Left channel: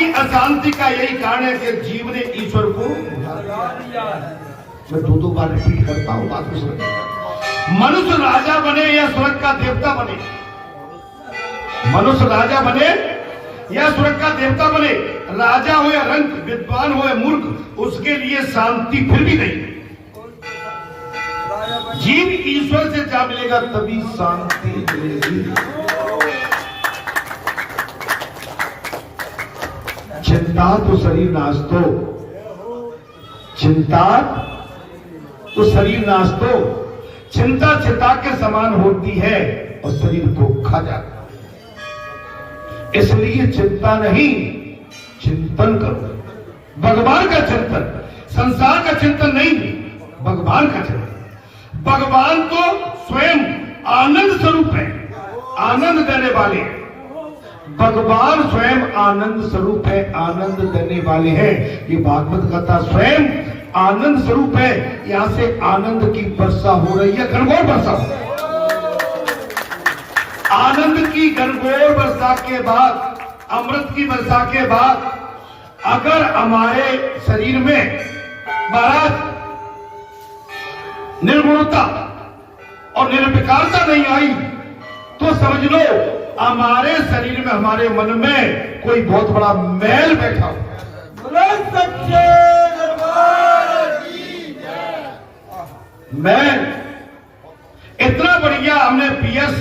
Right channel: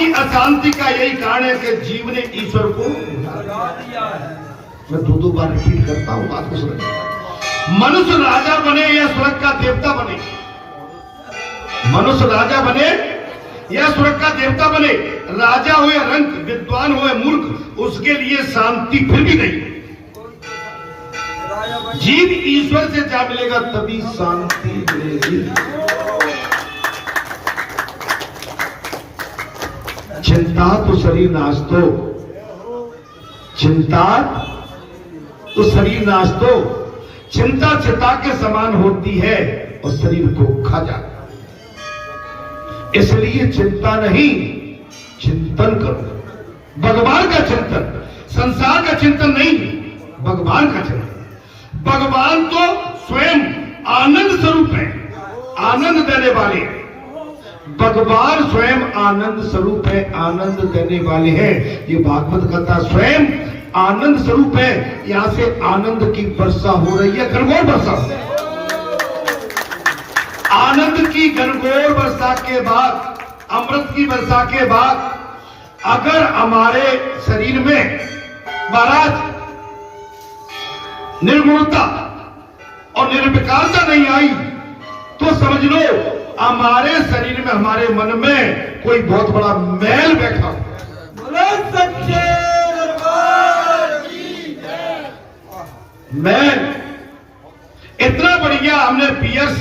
की अशांति का यही कारण है कि जीव ने ईश्वर को मैं दो बार रिपीट करता हूं, बात को समझ। मनुष्य राजा बने या स्वर्ग का देवता बने, मनुष्य राजा बने या स्वर्ग का देवता बने, राजा हो या रंक, विद्वान हो या मूर्ख, उसके लिए शांति फिर भी नहीं। जीव ईश्वर से जा मिलेगा तभी शांति मिलेगी। चिंता तो शरीर नाश दो, चिंता तो शरीर नाश दो। चिंता चिता के समान होती है और शरीर को खा जाता है। इसलिए चिंता नहीं, चिंतन करो, भगवान का चिंतन, संसार का चिंतन नहीं, भगवान का चिंतन। भगवान तो स्वयं आनंद स्वरूप है, आनंद देने वाले हैं। भगवान स्वयं आनंद स्वरूप है, आनंद देने वाले हैं। ये भागवत कथा स्वयं आनंद स्वरूप है। यहां से आनंद की वर्षा हो रही है, गणगौर वर्षा हो रही है। आनंद की गणगौर वर्षा के बाद, अमृत की वर्षा के बाद अगर हमारे शरीर में महाराज निर्गुणता और निर्विकारता नहीं आई तो समझ लो हमारे शरीर में, हमारे मन में कोई बहुत बड़ा मैल बैठा हो। मैल इतना बढ़िया हमने पीएस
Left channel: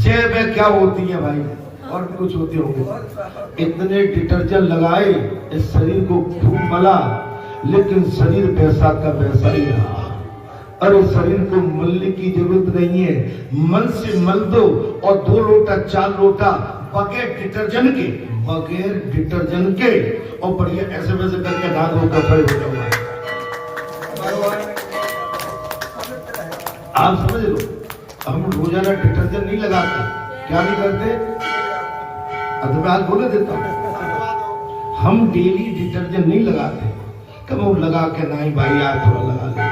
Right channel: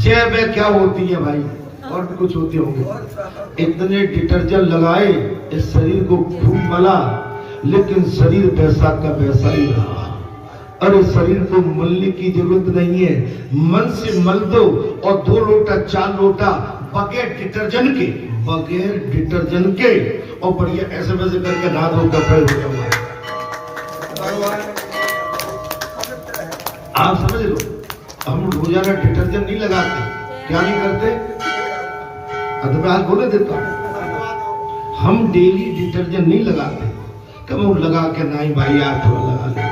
जय में क्या होती है भाई, और भी कुछ होते होंगे, इतने डिटर्जेंट लगाए, इस शरीर को खूब मला, लेकिन शरीर वैसा का वैसा ही रहा। अरे शरीर को मलने की जरूरत नहीं है, मन से मल दो और 2 लोटा 4 लोटा बगैर डिटर्जेंट के, बगैर डिटर्जेंट के, और बढ़िया ऐसे वैसे करके नहा धो कर आप समझ लो। हम रोजाना डिटर्जेंट नहीं लगाते, क्या नहीं करते, मैं हाथ बोले देता हूं, हम डेली डिटर्जेंट नहीं लगाते, कब लगा के नहीं भाई यार थोड़ा लगा ले,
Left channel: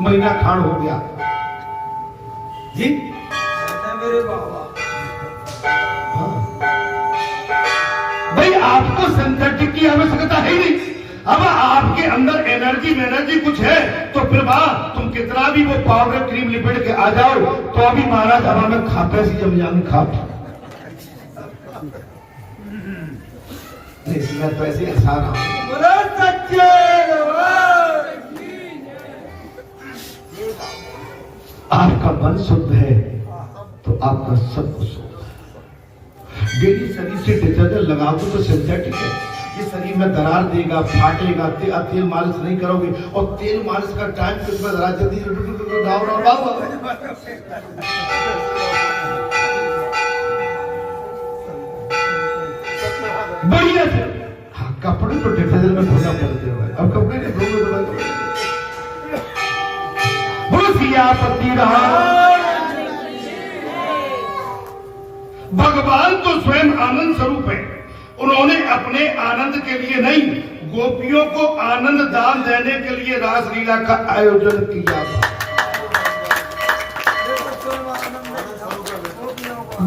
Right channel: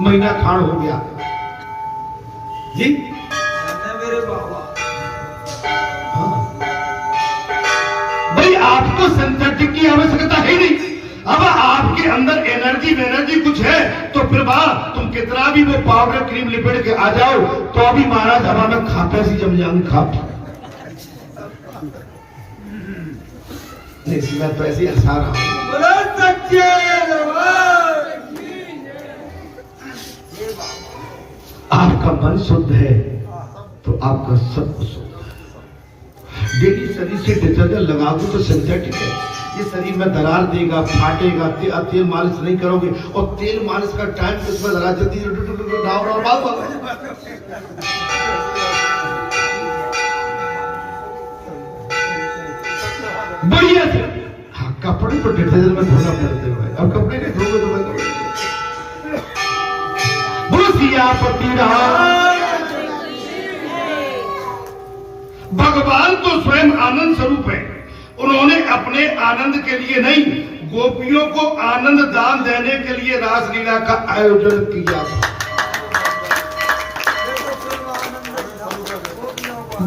महीना खान हो गया जी मेरे बाबा। हाँ। भाई आपको सिंथेटिक की आवश्यकता है नहीं। अब आपके अंदर एनर्जी कुछ है तो फिर तुम कितना भी वो पाउडर क्रीम लिपेट के आ जाओ तो अभी महाराज हवा में खापे सी जम जाऊंगी खाप। इसमें तो ऐसे आसान आपका मन शुद्ध है तो आपका सब कुछ शुद्ध है। डेली शरीर से डिटर्जेंट लगाओगे तो सिंथेटिक है, ये शरीर में दरार देगा, फाटेगा। तेल मालिश नहीं करोगे, और तेल मालिश का टाइम कितना जरा जल्दी बढ़िया से। हाँ, कपड़े को डिटर्जेंट में धोना पड़ते हैं, अब कपड़े नहीं धोगे तो मैं सियापति रहा। भगवान तो स्वयं आनंद स्वरूप है, उन्होंने अपने आनंद के लिए नहीं, गोपियों को आनंद दान देने के लिए रासलीला का आयोजन किया था।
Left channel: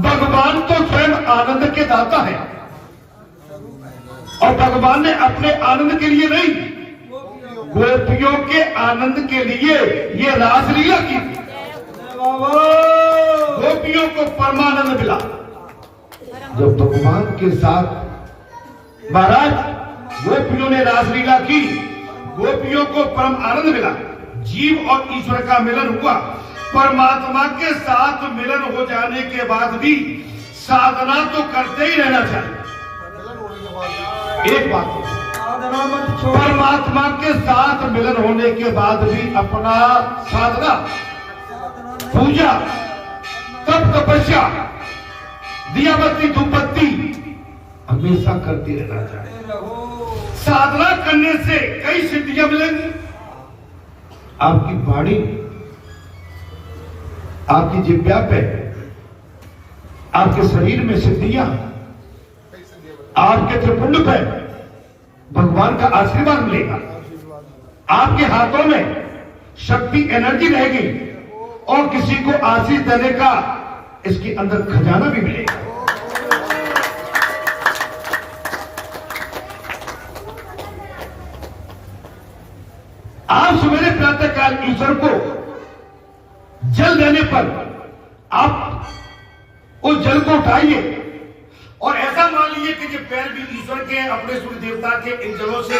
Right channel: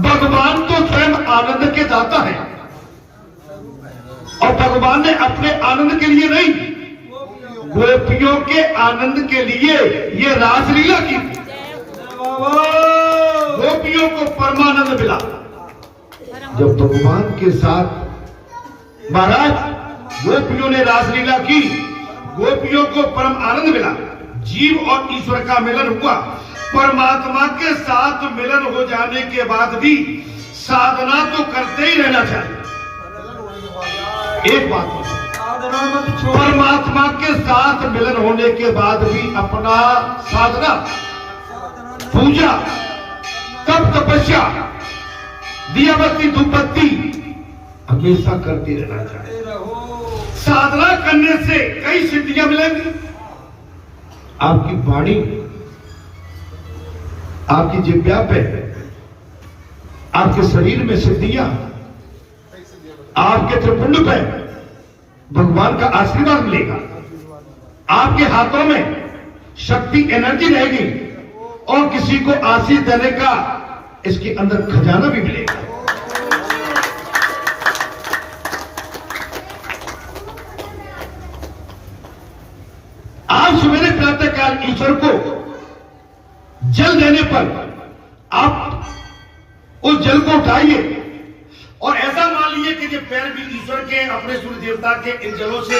भगवान तो स्वयं आनंद के दाता है, और भगवान ने अपने आनंद के लिए नहीं, गोपियों के आनंद के लिए ये रासलीला की। गोपियों को परमानंद मिला जब भगवान के साथ महाराज गोपियों ने रासलीला की, गोपियों को परम आनंद मिला। जीव और ईश्वर का मिलन हुआ। परमात्मा के साथ मिलन हो जाने के बाद भी साधना तो करते ही रहना चाहिए। एक बात, परमात्मा के साथ मिलन होने के बाद भी अपना साधना, पूजा, तप तपस्या, दिया बत्ती धूप बत्ती हमेशा करते रहना चाहिए। साधना करने से कई सिद्धियां मिलेंगी। आपकी वाणी, आपकी जिह्वा पे, आपके शरीर में सिद्धियां, आपके त्रिपुंड पे भगवान का आशीर्वाद मिलेगा। आपके हाथों में शक्ति, एनर्जी रहेगी, और किसी को आशीष देने का इसके अंदर खजाना भी मिलेगा। जल देने पर आप उस जल को उठाइए और ऐसा मान लीजिए कि जब पैर भी ईश्वर के अपने सूर्य देवता के इन जलों से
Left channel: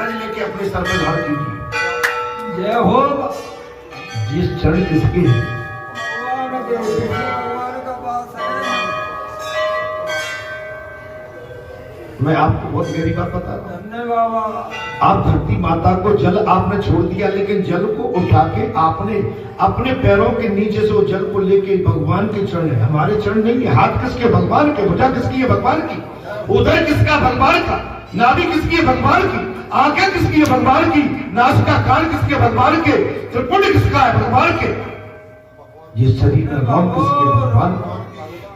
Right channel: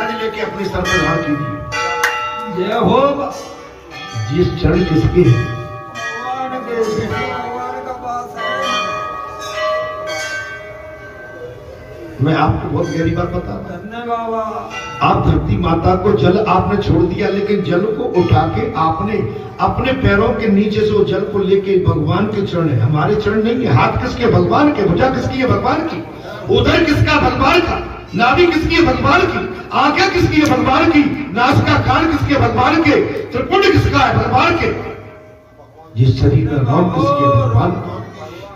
रज लेके अपने सर पर धार कीजिए। जय हो। जिस चरण किसके हैं? मैं आपको बहुत गहरी बात बता रहा हूं। आप धरती माता को जल आपने छोड़ दिया, लेकिन जल को उठा के आपने अपने पैरों के नीचे से वो जल को लेके भगवान के चरण है, हमारे चरण नहीं है। हाथ किसके? भगवान के। भुजा किसकी है? भगवान की। उदर किसका? भगवान का। नाभि किसकी है? भगवान की। आंखें किसकी है? भगवान की। नासिका कान किसके? भगवान के। त्रिपुंड किसका है? भगवान के। ये शरीर का नाम किसकी है? भगवान का।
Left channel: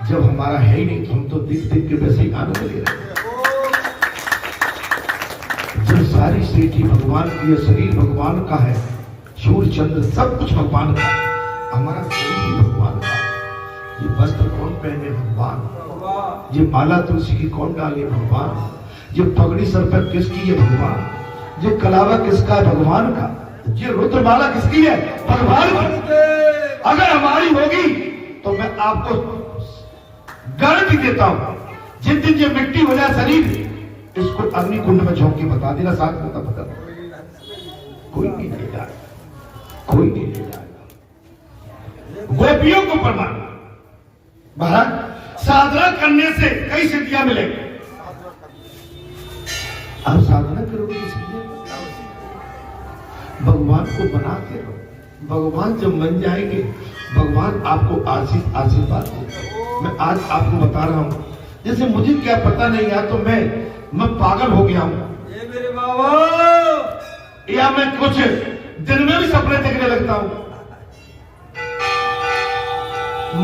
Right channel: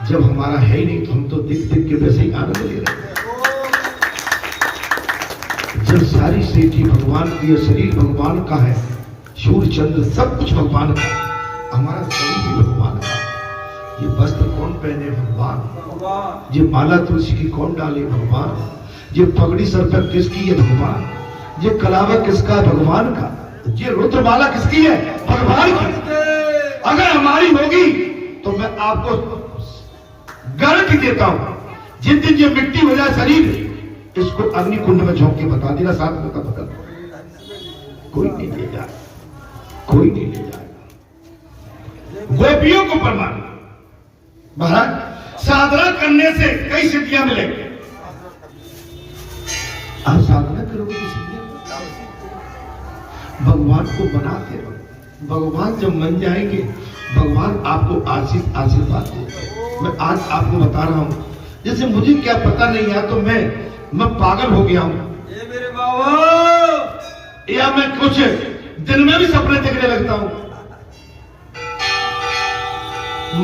जब हमारा है ही नहीं तो हम तो दिख दिख के वैसे ही आनंद ले रहे हैं। जब सारी सृष्टि भगवान की है, शरीर भगवान का है, सूर्य चंद्र सब कुछ भगवान का, हमारा शरीर भी भगवान का। ये वस्त्र कौन पहने? भगवान। ये माला तुलसी की कौन डाले? भगवान। ये पगड़ी सर पर किसकी है? भगवान। ये कलावा किसका? भगवान का। ये रुद्रमाला किसकी है? भगवान की। अगर हमारी होगी तो मैं आपको गारंटी देता हूं, जिस दिन ये मिट्टी हो जाए शरीर, इसको अग्नि कुंड में झोंक के बता देना, साथ में पकड़ कोई नहीं ले जाएगा, कोई नहीं ले जाएगा। गोपियों को प्रमाण महाराज साधना करने से कई सिद्धियां मिलेंगी। आप साधना करोगे भगवान को बनाते रहो। भगवान जब मन जाएंगे, भगवान आपको आशीर्वाद देगा। मैं आज आपको बता रहा हूं, जैसे मुझे क्या पता नहीं है तो मैं पागल हो गया हूं, ये मेरे बाबा, या मैं कुछ दिन में भी सपने देखने लगता हूं।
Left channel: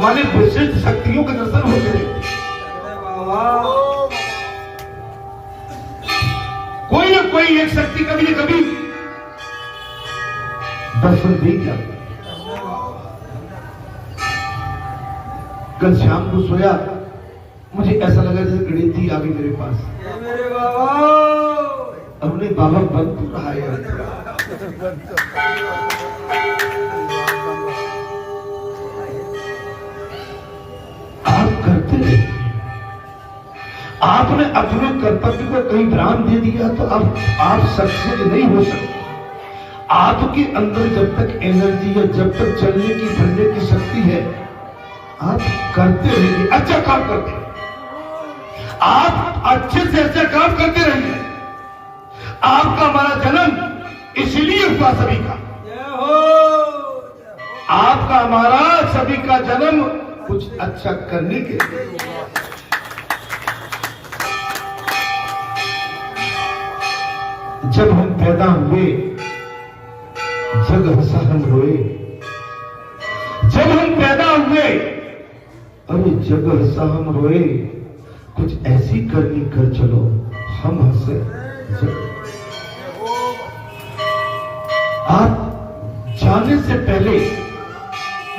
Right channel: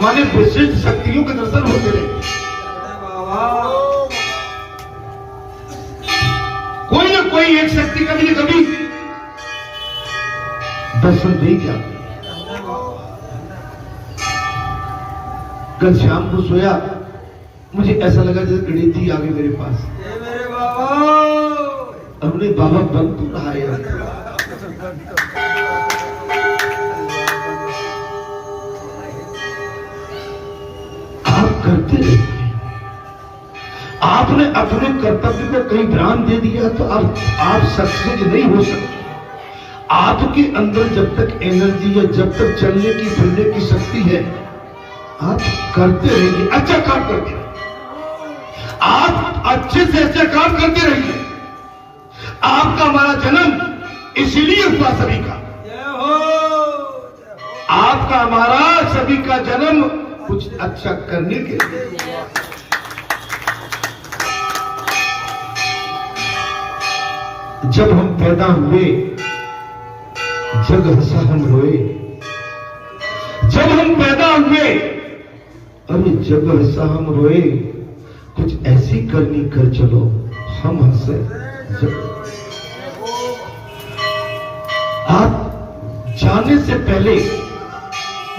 माने विशिष्ट शक्तियों के दर्शन होते रहे। कोई ना कोई एक शक्ति कभी न कभी दर्शन देगी आपको। कल शाम को सोया, मुझे ऐसा लगा जैसे गणित आ गई मेरे पास। मेरे बाबा, हमने बाबा बन तो रहा है। आप करते रहिए। आपने अपने कर्तव्य को कहीं विराम दे दिया तो आप सक्सेस नहीं हो सकते। आपके अंदर जब तक एनर्जी है, जब तक चलने की फिरने की शक्ति है, आप करते रहिए। अच्छा काम करते रहिए, आप अच्छे से अच्छा काम करते रहिए। आपका हमारा जन्म इसलिए हुआ सभी का। आपका हमारा सभी का जन्म कुछ अच्छा करने के लिए। जब हम पैदा हुए, जग हंसा हम रोए। जब हम पैदा हुए, अरे जग हंसा हम रोए। कुछ ऐसी करनी कर चलो, हम हंसे जग। आप जाने से पहले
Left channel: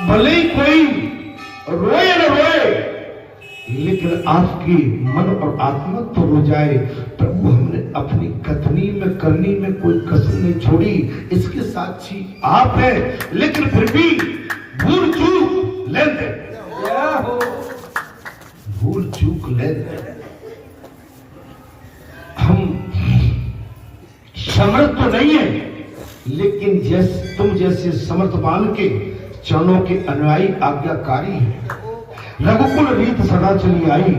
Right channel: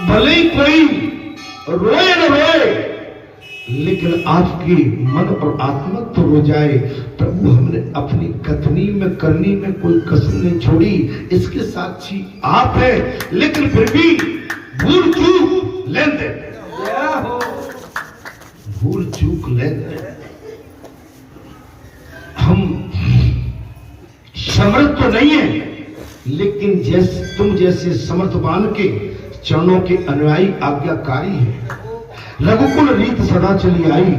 भले ही कोई रोए न रोए, लेकिन आपकी मन और आत्मा तो रो जाए। प्रभु हमने अपनी कथनी में करनी में कोई कसर नहीं छोड़ी, इसके साक्षी आप है। लेकिन फिर भी भूल चूक लेन देन, भूल चूक लेन देन। हम समर्थ तो नहीं है, लेकिन तुम जैसे समर्थवान के चरणों के अनुयायी आज्ञाकारी है। रघुकुल रीत सदा चली आई,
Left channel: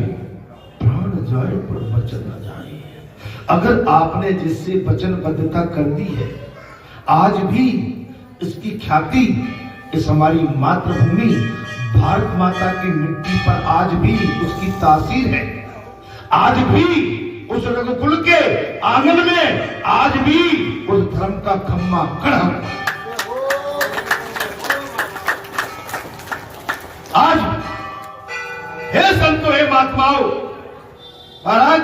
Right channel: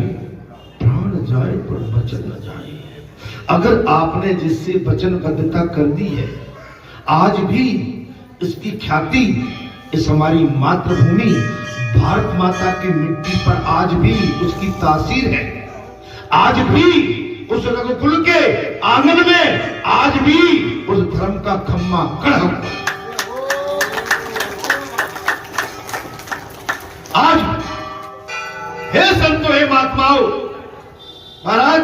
प्राण जाए पर वचन न जाए। अगर आपने जिससे वचनबद्धता कर दी है, आज भी इसकी ख्याति इस हमारी मातृभूमि भारत माता की मिट्टी पर आज भी उसकी तासीर है। आज भी उस रघुकुल के आंगन में आज भी उस धर्म का खम्मा खड़ा है। आज हे संतो, हे महात्माओं, महाराज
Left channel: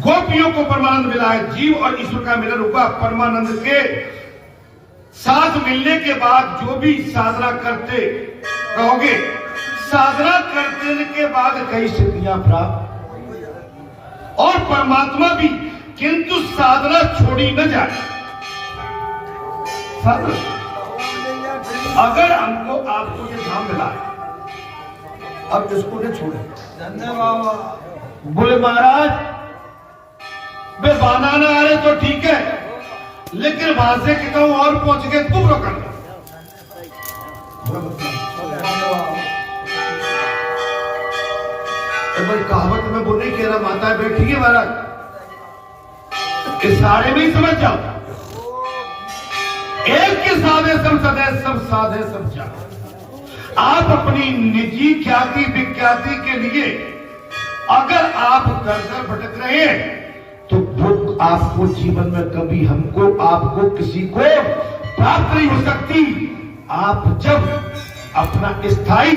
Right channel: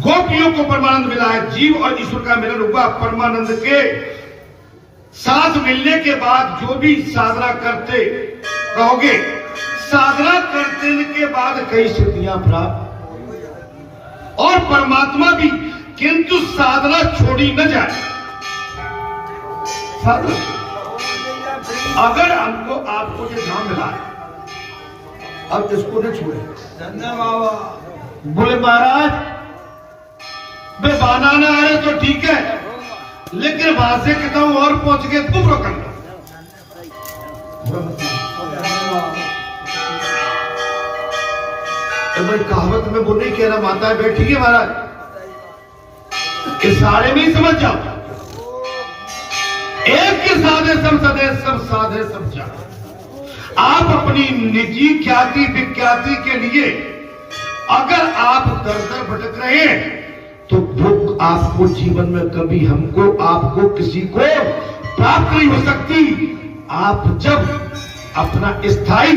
गोपियों को परमानंद मिला है। जीव और ईश्वर का मिलन होगा। परमानंद के साथ मिलने के बाद जो भी साधना करते रहोगे, साधना करने के बाद कई सिद्धियां प्राप्त और परमात्मा भी, किंतु साधना छोड़ी न जाए। साधना अगर हमको आपको ये धाम मिला है, अब इसको नहीं छोड़े। धन्यवाद। बोले महाराज वे बनाना आ रहे तो ठीक है, लेकिन वहां से कितना और पहुंच गए कुफ्र कर लो। कहावत में वो नहीं कहना माता है बैठी है महाराज, इशारे में ही समझ जाओ। एक के साधे सब सदे, सब साधे सब जाते। आप अपनी निजी ख्याति विख्याति के लिए अगर आप दर दर भटक रहे हैं तो वो आपको जीवन में कभी हमको आपको किसी को प्राप्त नहीं हो सकती। आप जब अपना स्थायी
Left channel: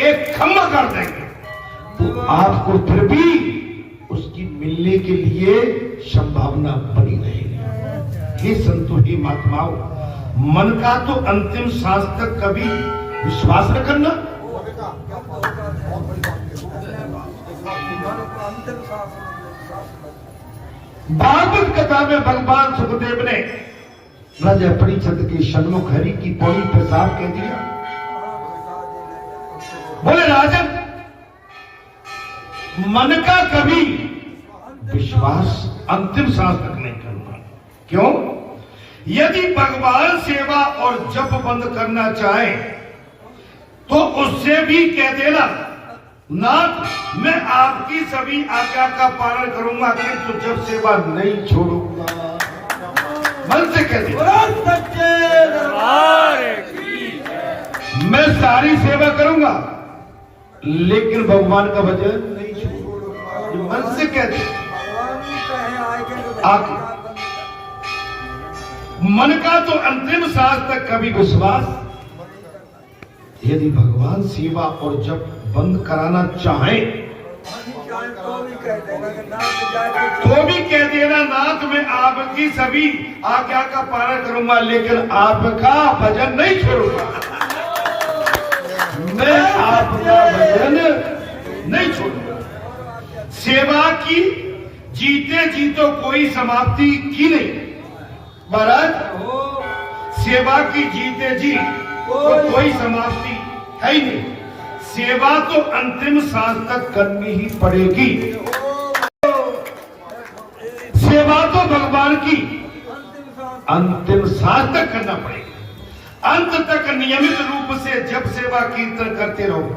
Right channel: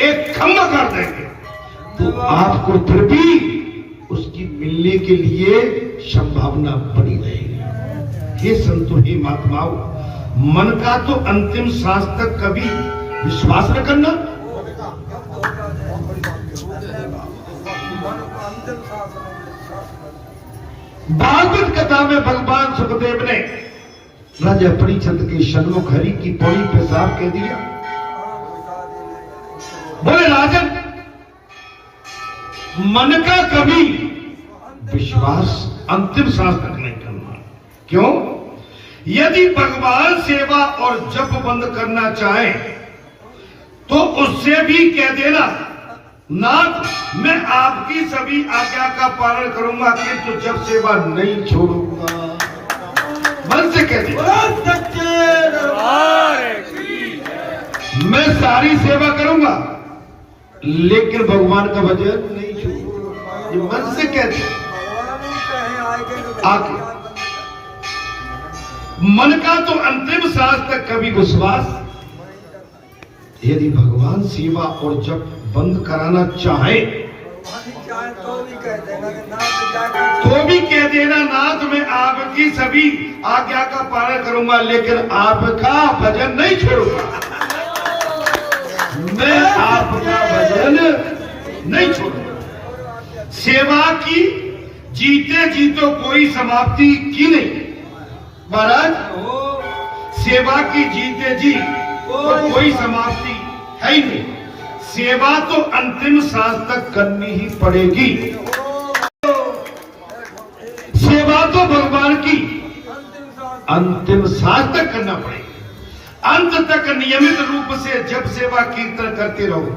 एक खम्भा कर देंगे तो आपको फिर भी उसकी मिलने के लिए संभावना बनी रहेगी। हे संतो, हे महात्माओं, मन का तो अंतिम सांस तक कभी विश्वास न करना। भागवत कथा में भगवान सुखदेव ने राजा परीक्षित के सन्मुख हरि की पौड़ी पेशाब कह दिया। बोले राजन, मन का कभी विश्वास अंतिम सांस तक नहीं करना। क्यों? यदि भगवान सेवा और जप बंद करना चाहे तो उससे भी कह देना, नाथ मैं आपकी सभी आज्ञा का पालन करूंगा किंतु जब सेवा नहीं छोड़ूंगा। मन से कह देना मैं सारी सेवा करूंगा लेकिन भगवान का भजन नहीं छोड़ूंगा। मन से कह दे। आगे मन का तो अंतिम सांस तक कभी विश्वास, यदि भगवान सेवा और जप बंद कराना चाहे तो भी कह देना, नाथ मैं आपकी सभी आज्ञा का पालन करूंगा लेकिन आपका भजन नहीं छोड़ूंगा। मैं आपका भजन नहीं छोड़ूंगा। सेवा की जीते जीतो कोई समाप्ति की नहीं महाराज। सेवा की जीते जी तो कोई समाप्ति है ही नहीं। सेवा तो अंतिम सांस तक करनी ही पड़ेगी। सेवा तो भगवान की अंतिम सांस तक करना पड़ेगा। अंत तक नियमित रूप से जब सेवा कीर्तन करते रहो।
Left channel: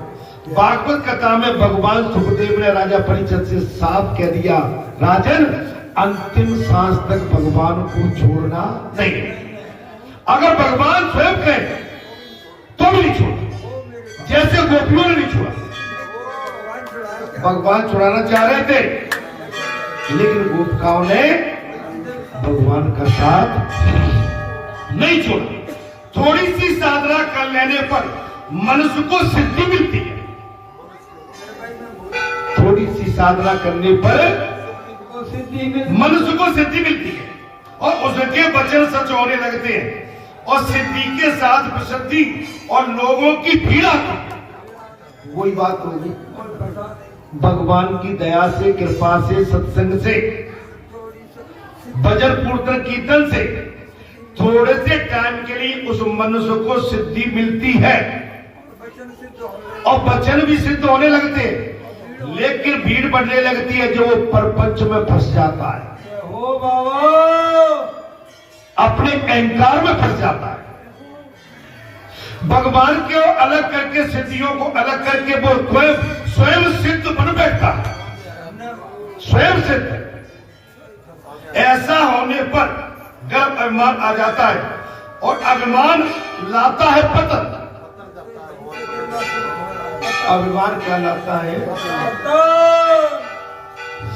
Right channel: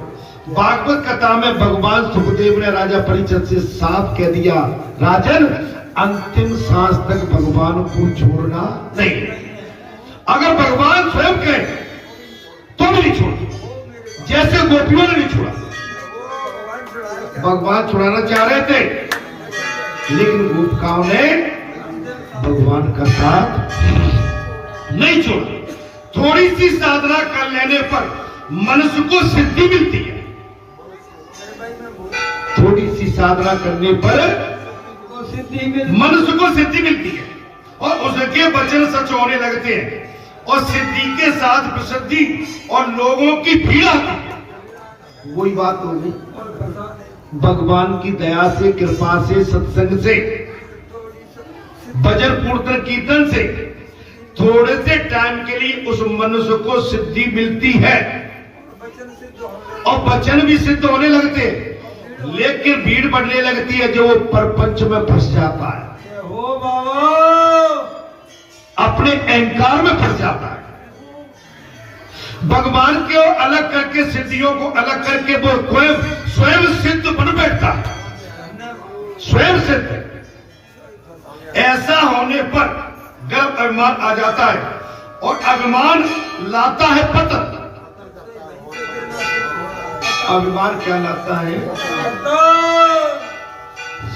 भागवत कथा में भगवान सुखदेव ने राजा परीक्षित से साफ कह दिया, राजन अंतिम सांस तक भगवान को छोड़ना नहीं। अगर भगवान स्वयं कहे तो भी नहीं छोड़, जैसे गोपियों ने नहीं छोड़ा। भगवान छुड़ाना चाह रहे थे लेकिन गोपिकाओं ने भगवान का साथ नहीं छोड़ा। थोड़ी सी साधना कर लेने पर मनुष्य को सिद्धि मिलती है। थोड़ी सी साधना करने पर मनुष्य को सिद्धि मिलती है और उसके वचन सच होने लगते हैं और सिद्धि के साथ प्रसिद्धि और लोगों की भीड़ आती है। वही बात होगी भगवान की दया से, कृपा से, सत्संग से, भजन कीर्तन कीर्तन से थोड़े से टाइम के लिए उस मनुष्य को सिद्धि मिलती है और वचन भी सिद्ध होने लगते हैं। लेकिन भीड़ बढ़ने लगती है जो वो परपंच में फंस जाता है, अपने अहंकार में फंस जाता है। भगवान को अलग करके, सिद्धियों को अलग करके वो स्वयं सिद्ध बन बैठता है, स्वयं सिद्ध। ऐसा होने पर गर्व अभिमान आ जाता है और अभिमान लाता है पतन। अभिमान क्या लाता है?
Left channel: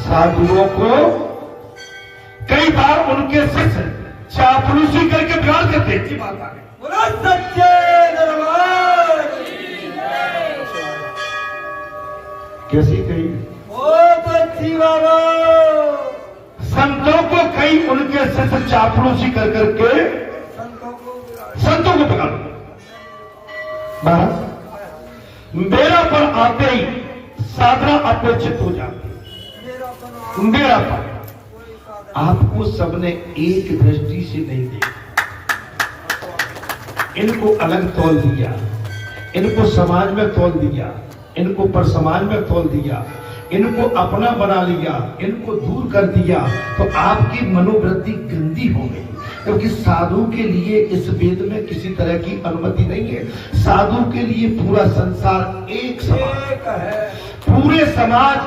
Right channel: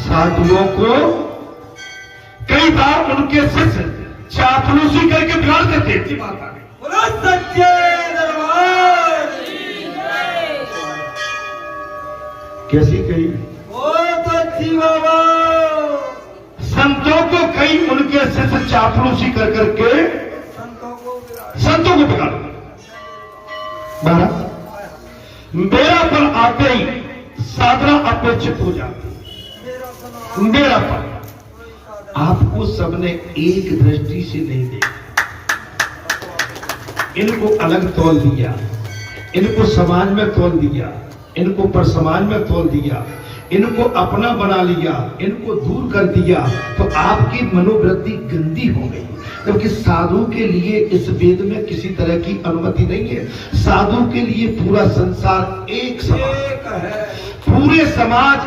साधुओं को कई बार उनके शिष्य चापलूसी करके बिगाड़ देते हैं। बात आ गई सच्चे दरबार कैसी कही तो अच्छी बाबा। संतों को कई उनके शिष्य चापलूसी कर करके संतों को बिगाड़ महाराज। मेरा पर आते ही साधना अपेक्षित हो जाती। मेरा पर आपको सबने एक दृष्टि से नहीं देखा। इनको अलग तौल दिया, इनको समाज में तौल दिया, इनको पर समाज में तौल दिया, इनको अपना बना लिया, इनको दूर कर दिया, तो आपकी मनोवृत्ति गंदी हो गई। क्योंकि साधु के लिए इस वेद में किसी तरह की अनुमति नहीं है। साधु के लिए पूरा संसार एक समान है, पूरे समाज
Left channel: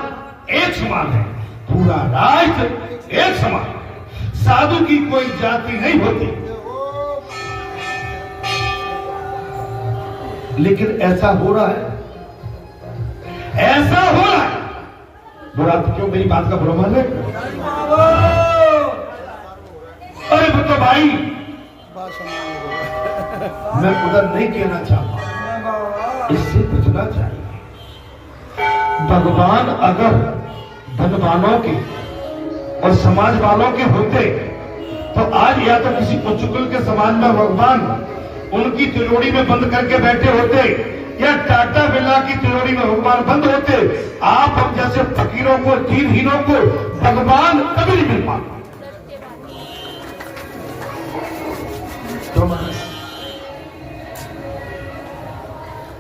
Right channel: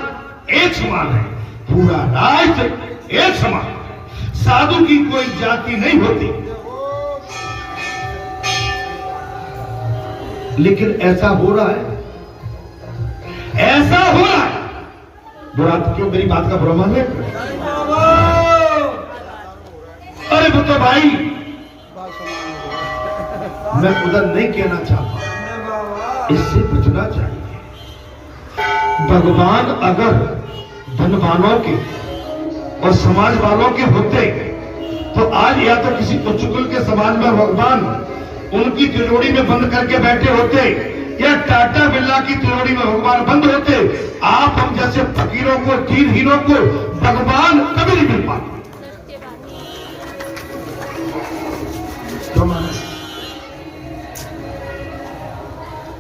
एक समान है, पूरा राष्ट्र एक समान। साधु की कोई जाति नहीं होती। लेकिन ऐसा हो रहा है, ऐसा हो रहा है। बुरा क्यों, मेरी बात का बुरा मान है? अरे तो भाई मैं उधर नहीं कहना चाहता, इससे बचना चाहिए। भगवान अगर धनवानों के और समाज वालों के होते तो आज या तो किसी उच्चकुल के समाज में भगवान उनकी तिजोरी में बंद करके बैठे होते, या टाटा बिरला की तिजोरी में भगवान बंद होते। आप हम जैसे फकीरों को, दीनहीनों को भगवान कभी नहीं मिल पाते।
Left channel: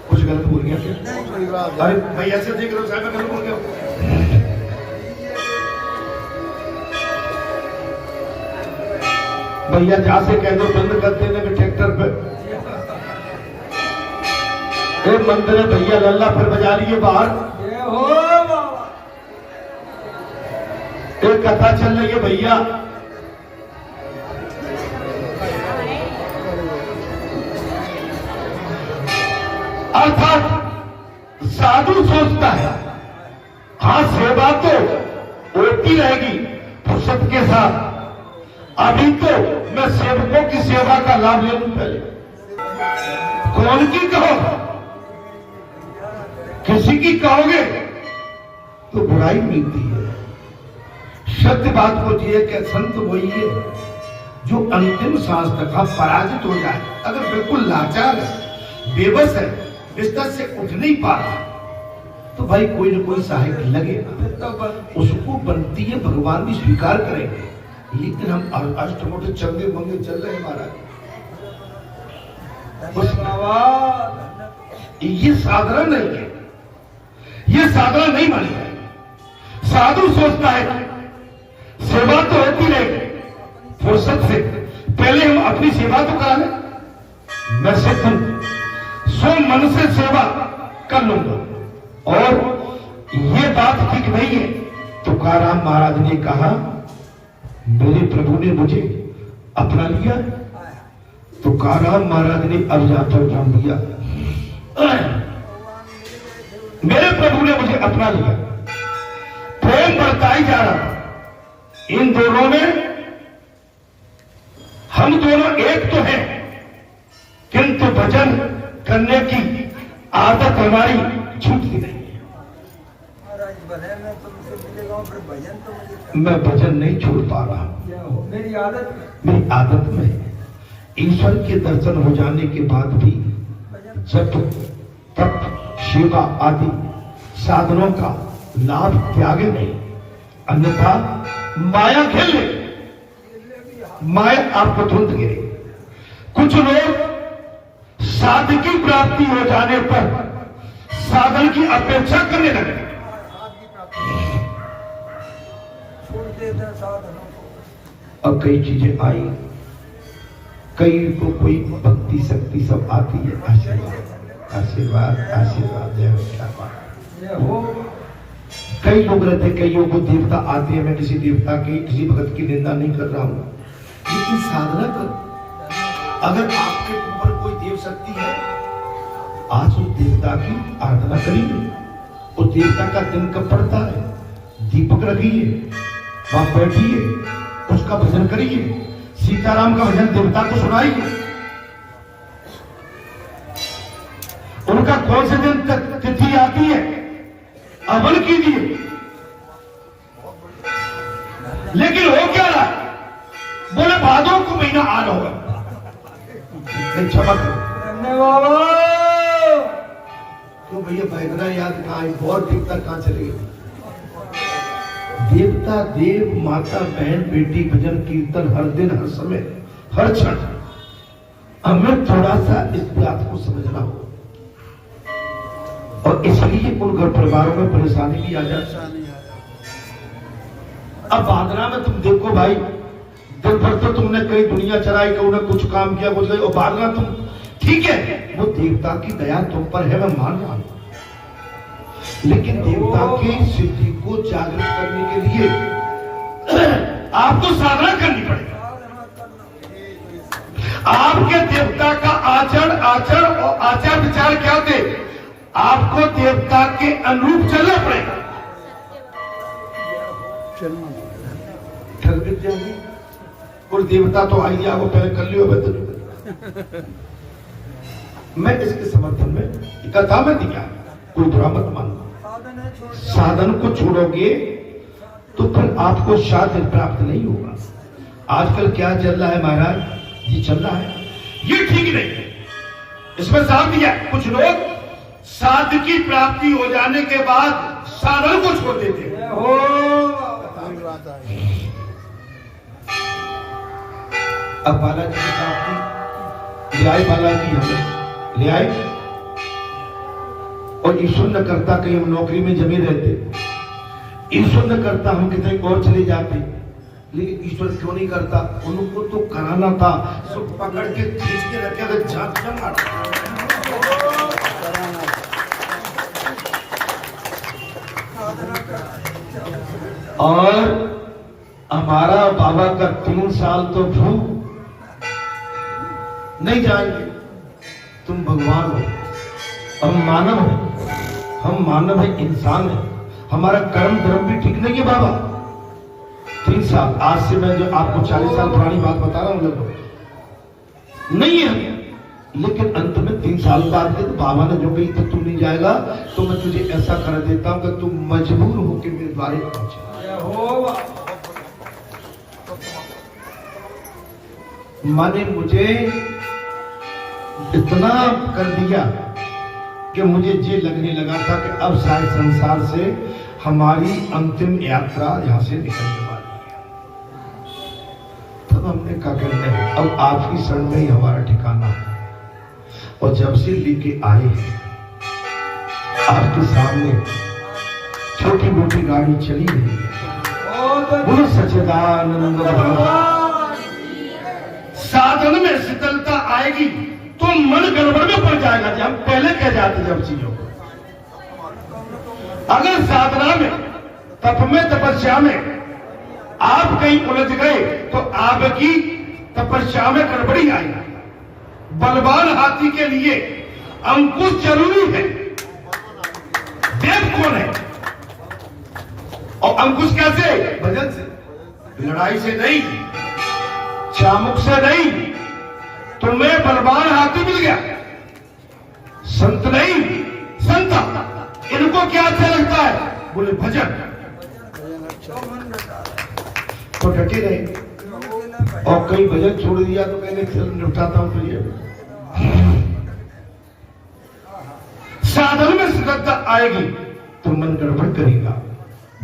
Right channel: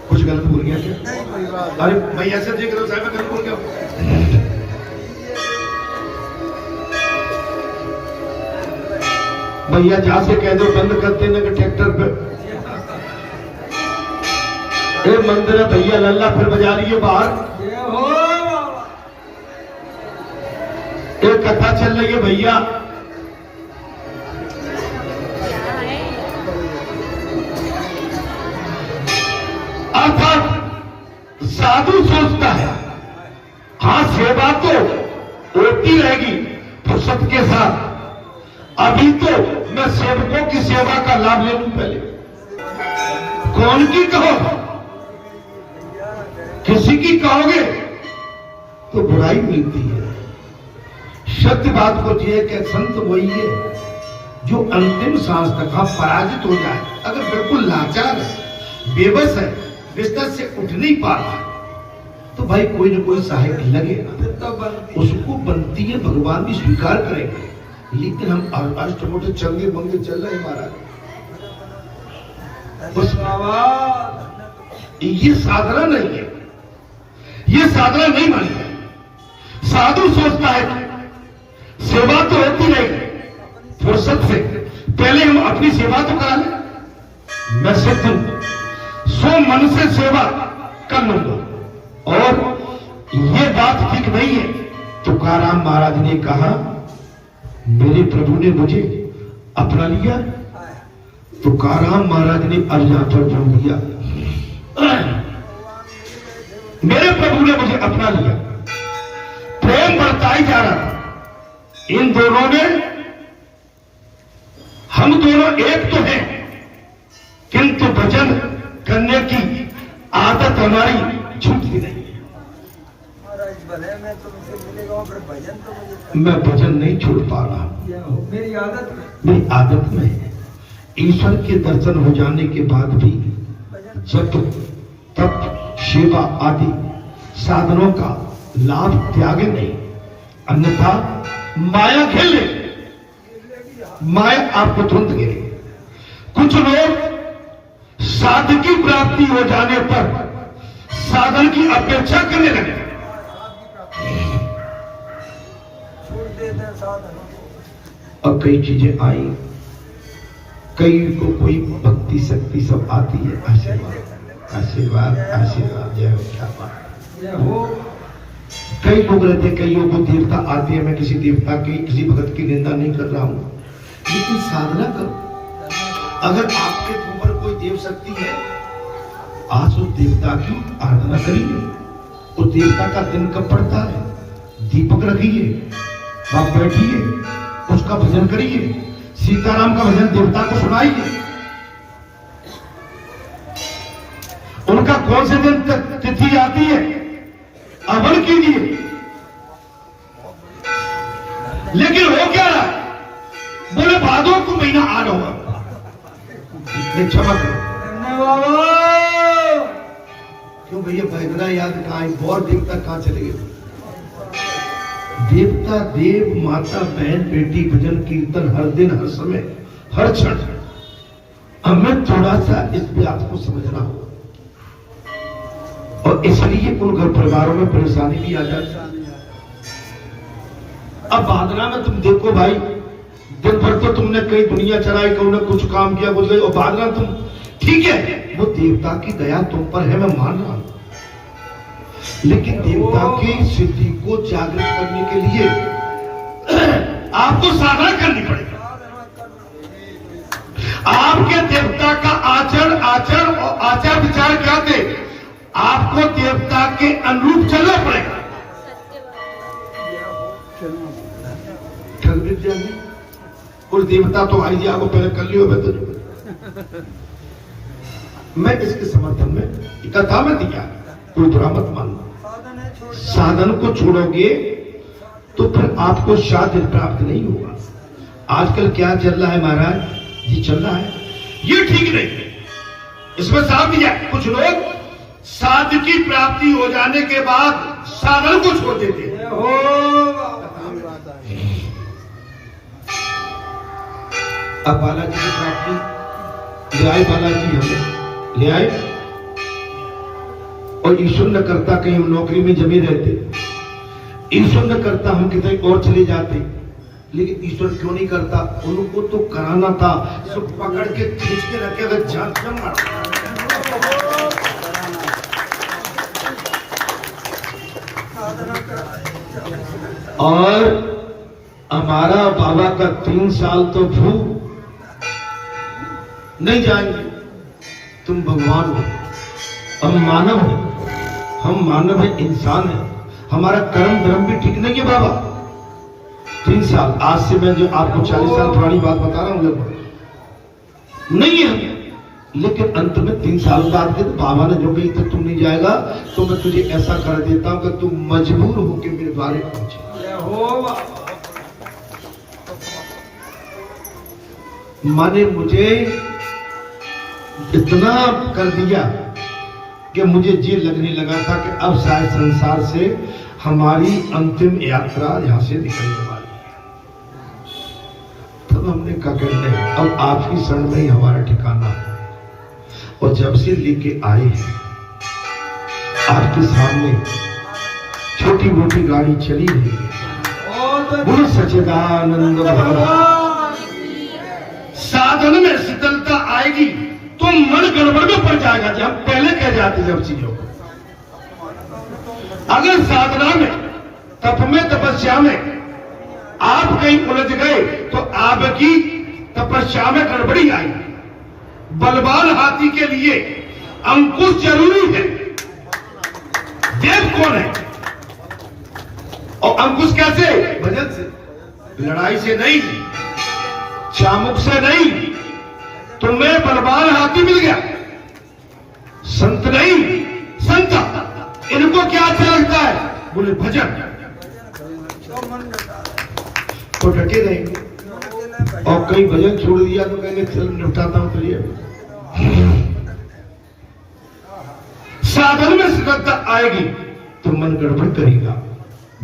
कुछ गलत बोल गया क्या? अरे मैं ऐसे देख रहा हूं, साहब गलत बोल गया। भैया जहां से कह दो बंद कर देने के ट्रैक्टर पे मंदिर है भैया, लल्ला फिर बजा लिए बाहर। एक कथा चल रही है भैया, अर्थात साधु सोचता है हाँ सेवा तो होती रहेगी फुर्सत के साथ, अभी तो मैं सेवकों की सेवा का लाभ ले लूं। पहले कौन की कहो, किसी की कहोगे तो बुराई मिलती है। सत्य बात को जिए कि संत वही है जो अंतिम सांस तक पराजित हो जाए। अगर बिल्कुल लाचार है, बेबस है, बिस्तर से उठ नहीं पा रहा, तो भाई कोई न कोई सहायक लगेगा, उसको बनती है, भगवान भी स्वीकार करेंगे। लेकिन हम अष्टमोटे चंगे मंगे चल रहे महाराज, ये साधना नहीं है, ये साधना नहीं मानी है। साधु सोचता है सेवा तो होती रहेगी फुर्सत से, पहले हम अपनी सेवा तो करा लें। मैं सिद्ध हूं, सो मन से सेवा कर लूंगा। और ये बात ठीक नहीं है। तुकाराम महाराज ने कहा मेरे प्रभु ने मुझे अपना लिया। तुकाराम महाराज ने अर्जा पर बोल दिया मेरे प्रभु ने मुझे अपना लिया। प्रेम बढ़ता ही जा रहा। इन दोनों ने, हम दोनों एक तो हैं, किंतु भजन करने की आदत हमारी छूटती नहीं है। मैं भजन नहीं छोड़ पा रहा हूं, मेरी आदत में है। ईश्वर के दर्शन हो जाने के बाद भी जब तप सेवा आदि साधनों का लाभ त्यागे नहीं, अन्यथा माया खेले, माया आपको तुरंत गिरे। कुछ लोग साधन की प्राप्ति हो जाने पर साधन की अपेक्षा करने लगे। अब कई चीजें आई, कई को कोई भक्ति शक्ति सब आती है। आशीर्वाद आशीर्वाद आशीर्वाद, जय हो, क्या बात हो। कई लोग रहते, कईयों को देवता आते हैं। मैं किसी देवता की, किसी भगत की निंदा नहीं कर रहा हूं, लेकिन साधना करो। अगर आपके ऊपर कोई देव शक्ति है, आज उस देवता की आराधना करिए। उस देवता का दिन कब पड़ता है, दीपक रखिए, वहां बैठिए, उसका भजन करिए, सीताराम का भजन देवता को सुनाइए। उनका कौन से दिन तक तिथि आती है, अमल कीजिए। लेकिन हो क्या रहा, बोले भादों को महीना आ रहा होगा, चमक क्यों भैया, बैगना याद कहां है, गौर देवता कहां चले गए। देवता देव माता बहन बेटी भजन कीर्तन हर दिन हर समय हर क्षण हमें थोड़ा सा इस बात को समझना हो, और इसलिए उन घर परिवारों में परेशानी भी आ जाती है। अब बादना में तुम देखो भाई, दिन भर तो तुमने कई दुनिया चलाई, कहूं ने कुछ काम किया कुछ, और बादना तुम ठीक है, वो देवता की दया तुम पर है, मैं मान रहा हूं, लेकिन देवता की सिद्धि को जागृत करने के लिए आपको साधना करनी पड़ेगी। आपके देवता का आचरण और आचार विचार क्या थे, आपको देवता के अनुरूप चलना पड़ेगा। चल विद्या और देवता तो आई जाओ, पहले कर लियो। मैं इसके समर्थन में कथा में दिया, कोई बुरा मत मानना। साधन को छोड़ोगे तो फिर आपको साध्य प्राप्त नहीं होगा। आजकल क्या चल रहा है महाराज, ये चल रहा है, ये ठीक नहीं है। इसमें साथ दिया, कुछ लोग साध्य की प्राप्ति हो जाने के बाद साधन को छोड़ देते हैं। अब बालाजी की प्राप्ति ले आए, बालाजी हमें ले आए, और ईश्वर न करता कहीं हम नौकरी में जमे रहते, ईश्वर न करता हम कितने और चले जाते, लेकिन ईश्वर क्यों नहीं करता, उनको तो कराना था, सब पकड़ के खींच के रखे थे, जांच करना। और हमारा बाबा का 3 साल तो भूख नहीं जाएंगे। तुम भगवान हो, हम मानव हैं, हम मानव है, इंसान है, हमारा कर्म धर्म भी ठीक नहीं है बाबा। 3 साल, आज से मैं जो आपको 40 साल पुरानी बात बता रहा हूं नहीं है, लेकिन अंत में 3 साल बाद के तो बाबा ने जो कही तो तू नहीं जाएगा, तो मैं तुझे ऐसा कर देता हूं कि तू मजबूर होकर मेरे द्वारे पहुंचे। माने मुझे इतना कर दिया कि मुझे ये लगने लगा था कि अब शायद संसार से हमारी अंतिम यात्रा यहां से निकलने वाली है। तब हमने कहा कि नहीं, अब आपकी शरण में ही हमारा ठिकाना है। और जब से लेके आए हैं आपके सामने छोटी मोटी गाड़ी चली रही है, बोलो सच्चिदानंद भगवान। साधन में शीतलता आएगी तो मन गड़बड़ में पड़ जाएगा, जब पहले कह जाते जब चीजों को। अगर साधना में, तप में, तपस्या में आप कहीं उलझ गए तो आपकी तपस्या में गड़बड़ी आएगी। बलवान हाथी के लिए अंकुश जरूरी है। देव कौन है? और अंकुश कैसे? भजन से, लड़ाई से नहीं, चामुक से नहीं। तुम्हें बलवान हाथी मिल गया, संत नहीं, संता। इनको क्या अच्छा लगता है? बोले भजन, तो डटे रहेंगे। और कई भजन छोड़ दिया तो कहेंगे चल निपटाता हूं। तो ये साधन में श्रद्धा आएगी तो मन गड़बड़ करेगा।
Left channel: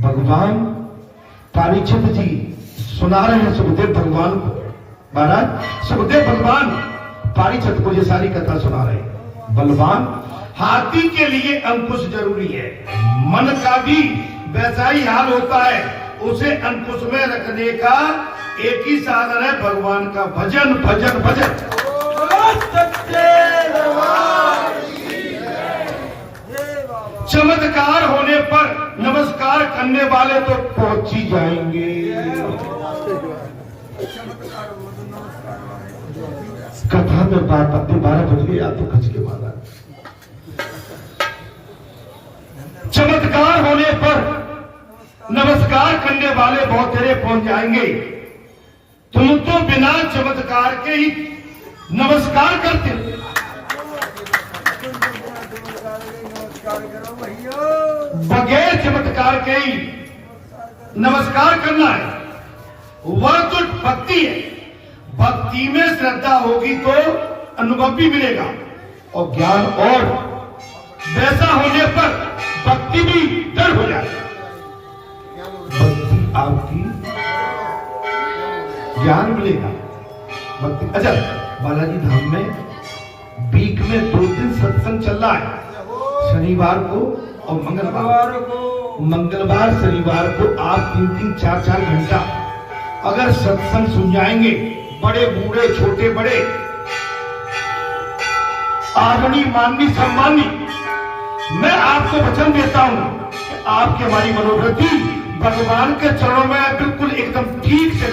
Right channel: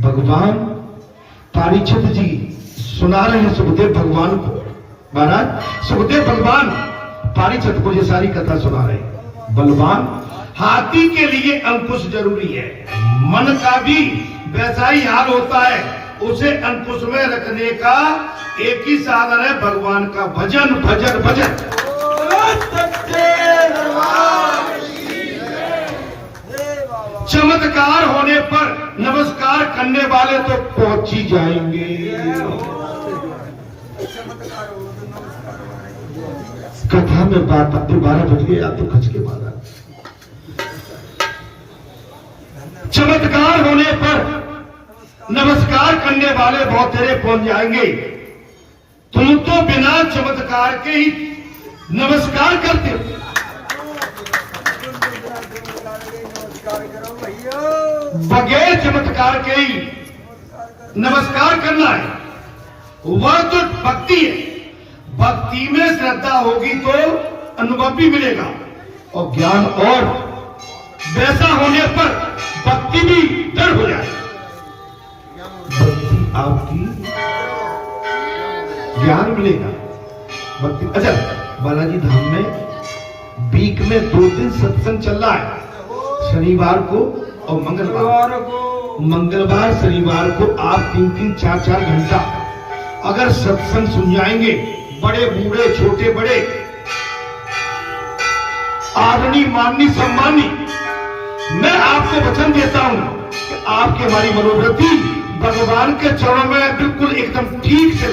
भगवान पारीक्षित जी सुना रहे हैं सुखदेव भगवान को। महाराज सुखदेव भगवान पारीक्षित को ये सारी कथा सुना रहे हैं। बलवान हाथी के लिए अंकुश जरूरी है। मन का भी वैसा ही हाल होता है, उसे अंकुश में रखने का एक ही साधन है, भगवान का भजन, भजन, भजन। चमत्कार होने पर नमस्कार करने वाले तो पहुंच ही जाएंगे। कथा में बात अब 12 बज गए, आप तो खच के मारा। चमत्कार होने पर नमस्कार करने वाले बहुत तेरे पहुंच जाएंगे। तुम तो बिना चमत्कार के ही नमस्कार करते हो। बगैर चमत्कार के ही नमस्कार करना है, वह तो भक्ति है। भक्ति में श्रद्धा होगी तो अनुभव भी मिलेगा और ज्ञान, और वैसा होने पर भक्ति भी डर हो जाए। भक्ति आपकी ज्ञान मिलेगा, अच्छा, बालाजी धाम में वीक में 2 दिन सत्संग चल रहा है, शनिवार को और मंगलवार शनिवार को आप 3-3 4-4 घंटा अगर सत्संग सुन जाएंगे, बड़े बूढ़े छोटे बड़े, आदरणीय माननीय सम्मानी, मैं आपको वचन देता हूं कि आपकी हमारी मनोवृत्ति भगवान के चरणों में बिल्कुल एकदम ठीक से